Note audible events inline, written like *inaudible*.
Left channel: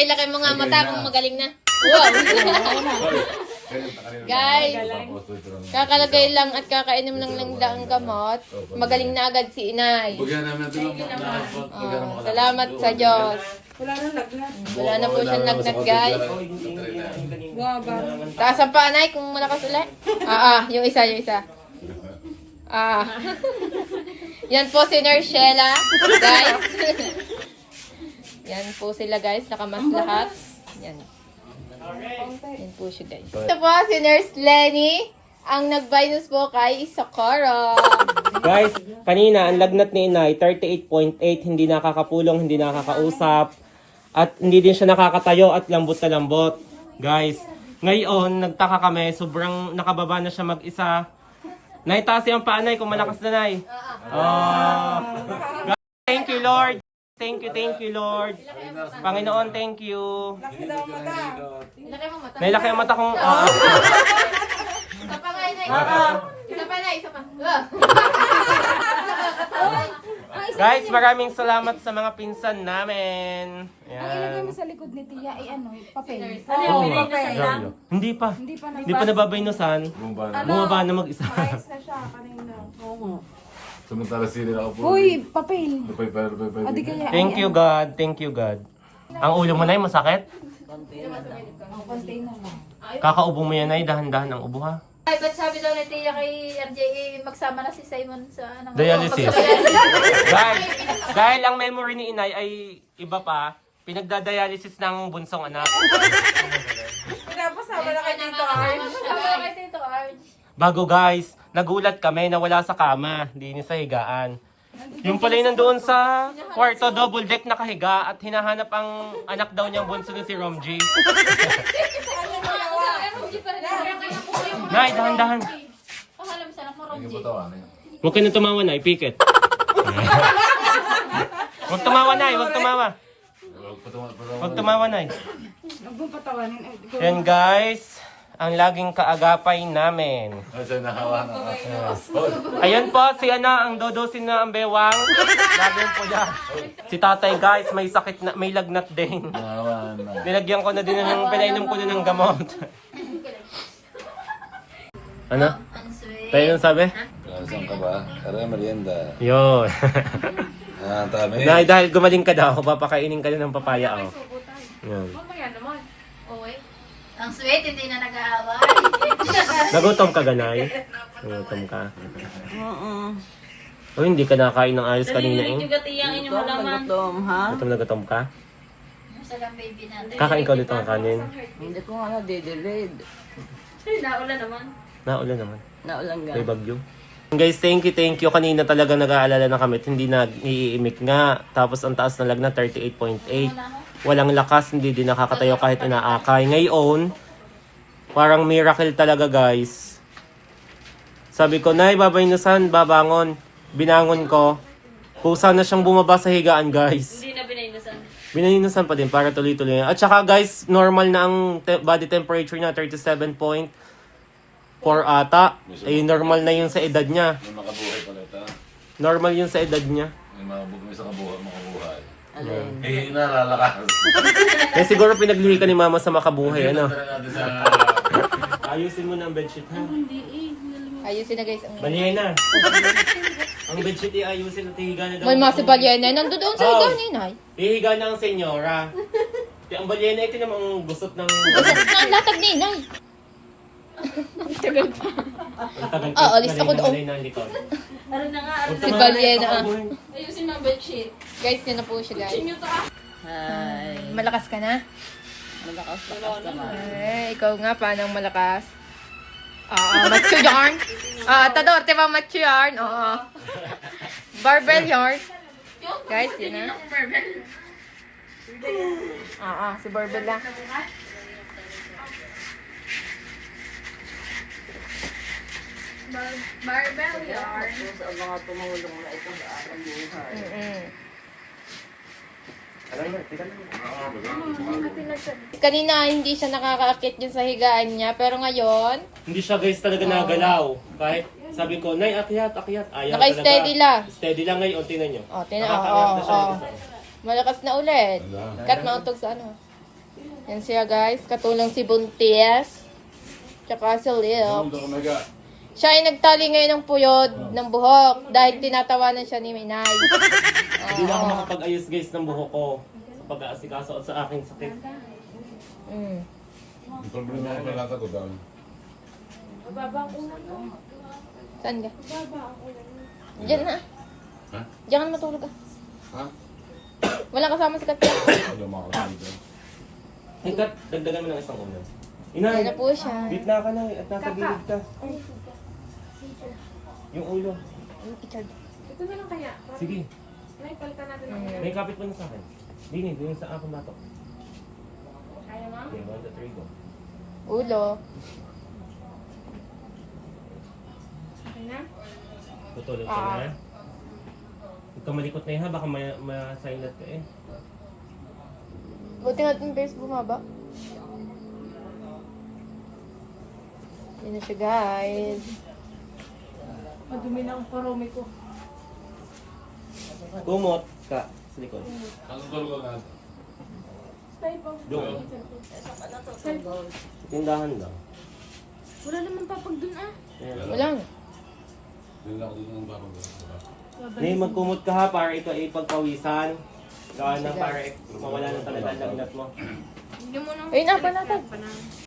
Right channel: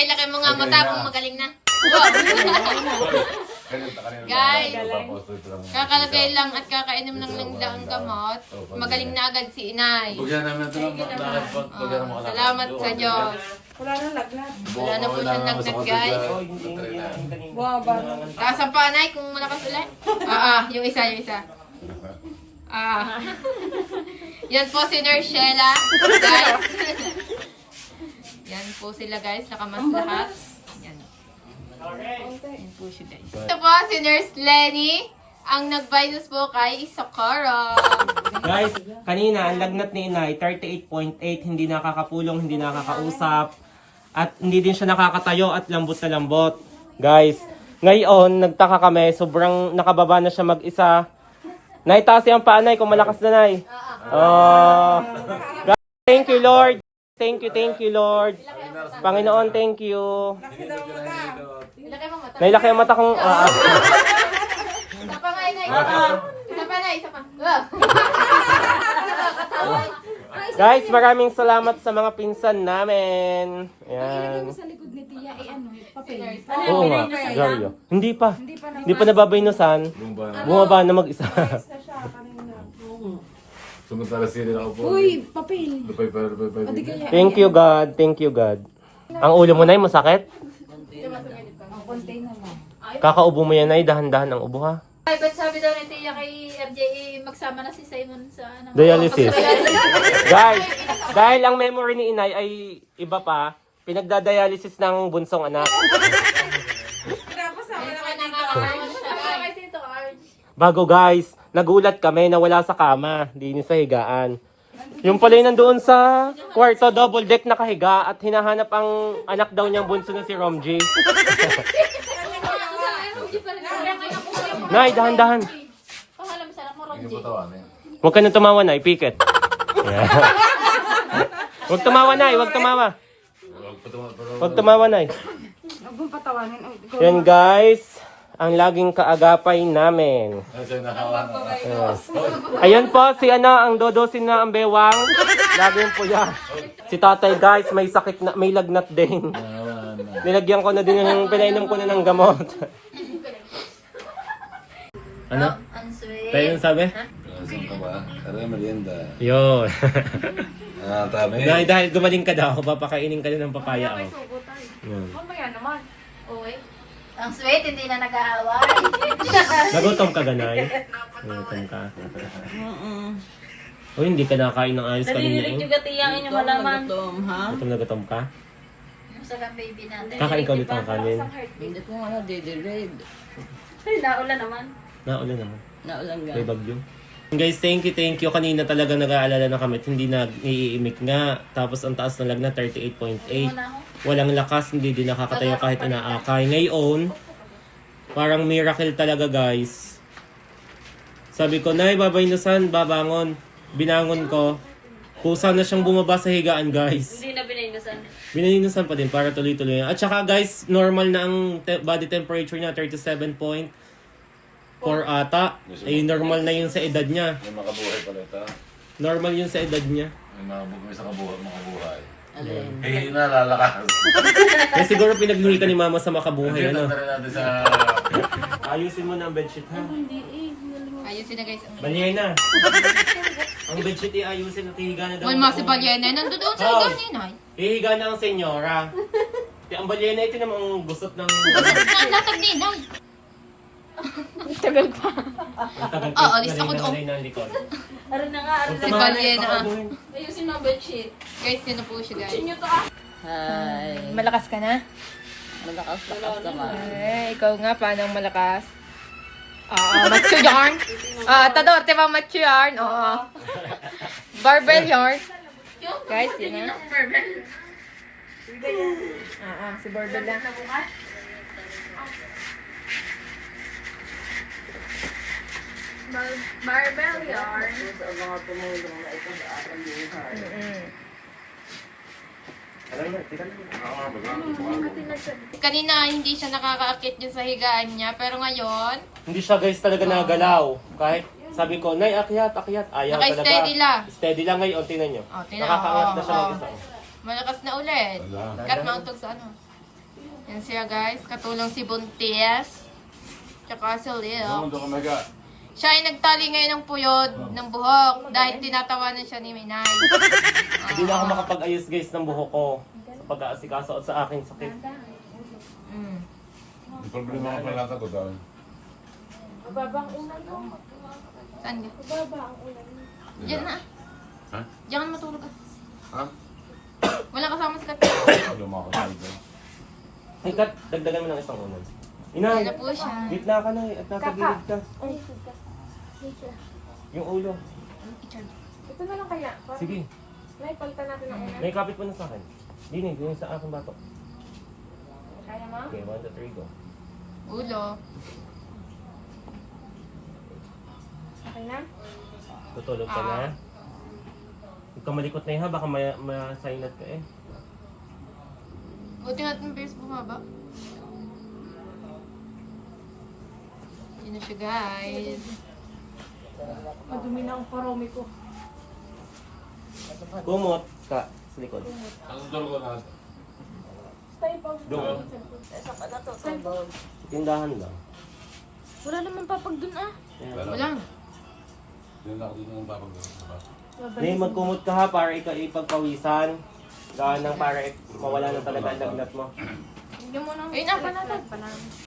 Pakilaki mo nga mata kung magaling na. Guys, kakalagay lang at kakainom lang ng daang gamot. Magaling na agad si inay. Bugyan namin ito ng lahat. Bugyan naman Salamat sa Diyos. Wala na lagnat. Wala na po siyang lagnat, guys. Wow, ba? Taas ang panay kung malakas ulit. *laughs* Ah, ah, yung isa, yung isa. Ah. *laughs* Yan po si Narshela. *laughs* Yan po sila guys, nakamas lahat. Yan. Yan po siya guys. Ito po si Nurse Lenny. Ang nag-virus po kay Socorro. Guys, kanina ang lagnat ni Inay 38.8, hindi nakakapulong, hindi nakakausap, at hindi din siya nakakatayo at lambot na lambot. Guys, ngayon nagtaka kami, sobrang nakababa na siya mag-isa. Nay, taas yung paanay kung malakas na nay. Guys, thank you Lord. Thank you, thank you Lord. Panginoon, thank you. Laki daw mata. Ilagay mo mata. Nailaki ang mata kong... Isa pa nga, Inay. Isa pa na, isa pa. Ah. Guys, maraming salamat sa mga pinsan namin. Ang ilagay mo sa likod ni Tia ay ano, papel. Nga. Jojo. Hindi pa. Hindi pa na Hindi pa nababaynusan. Bumba na. Bumaba na mag-isa. na siya kanina. Oo. Samantala sila ako po. Uy, papel. Lupay pa, lupay pa. Kaya. Thank you God. Thank you God. Ang ulo mo na masakit? Ang container mo. Kakaubo mo yan ay dahan-dahan ang ubo ha. Ay, ba't sabi daw ni Tia kay RJ, magsama na si Simon sa ano? Dialysis. Guys, dahil ang memory ni inay ay iba pa, pinagdadialysis ng bunsong anak. Pinapasama na kayo dito, Arj. Magsama na kayo dito, Arj. Bago guys, nagulat kami na wala sa kama, di ni sa higaan. Yung pala yung nandoon sa kwarto, double deck nakahiga at hinahanap ang anak daw niyang bunso na si Romji. *laughs* Nay, dahan-dahan. Hindi. Huwag ka na tumawa na, ipikit. *laughs* Huwag tumawa na, huwag tumawa. Huwag tumawa na. Huwag mong patawanin. Yan guys, ang laging kaagapay namin. Nakawa na. Ayan po, si ano, ang dodosin na ang bewang. Laging po yan. Si tatay guys, may sakit na, may lagnat din. Nakawa na. Nilagyan ko na din, ng, pinainom ko na ng gamot. ano? Tayo yung sabi? Saan ka ba? Tara, merienda. Yun. Ah, tabi. dahil, dahil gumaling ka daw, papakainin ka din ng papaya. Oh. Yun. Uy. Ang sweet, hindi na nag-aaway. *laughs* Nagutom ka ganay? Nagutom ka. Oo. Oh, hindi ka nakain ng ayos kanina eh. Juga Tia ang inyong malaman. ha? Gutom na gutom ka? Yung sagang baby natin. Kakain ka ulit ng kanin. Hindi ko nga na-delayed. Ay, naula naman. Naulan naman. Naulang May bagyo. Guys, thank you, thank you. Kanina talaga nag-aalala na kami hindi na iimik nga. Tapos ang taas na lag na 38.8. Muna ako. Walang lakas, hindi din nakakatayo kahit inaakay. Ngayon, parang miracle talaga guys. Sabi ko, Nay, babaynusan, babangon. Binangon ko. Kusa na siyang bumaba sa higaan guys. Hindi na binaynasan. Binayunasan pa din para tuloy-tuloy. At saka guys, normal na ang te- body temperature niya, 37.4 ata. Eh, normal na yung sa edad niya. May makabuhay pala ito. Normal yung sa edad niya. May mabug may sa kabuhay, makabuhay. *laughs* Eh, nalalakas. Kaya siguro pinaglihi ka ni mama sa makabuhay, ano? Tara natin sa... Ayusin mo na ang bedsheet, ha? Ayusin na guys. Balyena. ang bedsheet i-ayusin at hihiga na daw. May mga si Balyena. Nandun doon sa Oh. ikan ni Inay. Hihiga na ang senyora. Kaya ang balyena ito namang gusot ng... *laughs* Inay. Tagal pa. Ang tagal Ah, alis ako doon. Malay ng likod. Aray na nga, Huwag na. tumawa na Balyena. pakaubuhin. Ayusin mo ang bedsheet. Guys, yun na po siya guys. Inyo to ah. Hi. Malakas ka na? Malakas lakas naman. Ay, ikaw nga, paano malakas? Oo, macho yarn. *laughs* Ah, Tador, di ba macho yarn? Oo. Barbell yarn. Guys, yun na. Oo, si Barbell lang. Barbell yarn. Ang mga tumulong na ito sa buhay. Alam mo, tira na. Kanina, hindi siya nakakaakit dyan sa higaan niya. Pero ngayon, Hindi siya guys talaga nagalaw. Kahit sabi ko, Nay, akyat, akyat. Ayaw talaga. Naka-steady lang. Steady lang ngayon, tingnan nyo. Oh, tingnan- Nakakaangat na siya oh, mag-isa. malakas na ulit. Kat mauntog sa ano. Yan sila guys. Katulong si Buntis. Tsaka si Lil. Ano? Siya ay nagtali ngayon ng puyod ng buhok dahil tinatawanan siya ni Minay. *laughs* Hindi na ako makapag-ayos guys ng buhok ko sa pag-aasikaso at sa aking sakit. Mm. Problema ka pala ko doon. Saan ka? Diyan na. Ha? Diyan ka na matulog ka. Ha? Wala kasama si Katya. Kapatid ko? Ay, Kat, dagdagan mo ng isang unan. Inay, Ano po siya? gitna ka na eh, at nasa gilid ka. Yung ulo. Ito na lang kaya. Sige, May palitan natin ang may kapit mo na sa akin. Dinig, yung sa aking batok. Kaya mo? Okay, one, two, three, go. Ulo. Okay na? Tutulog ka na. Huwag ka malikot na yun ha, baka ma- ma-silent ka eh. Buti natin base bumaba. Yun na siya guys. Madumi na ang parome ko. Kumot ka sa likod. Ang dol ko na. Doon. Tindahan lang. Wala naman papag dun ah. Wala. Doon ako dito ng bakal ko. Nay, magkumot ka ha para ikaw ipagpawisan. Gawin ng para mawala na talaga ang lagnat mo. Ayun na, panatag.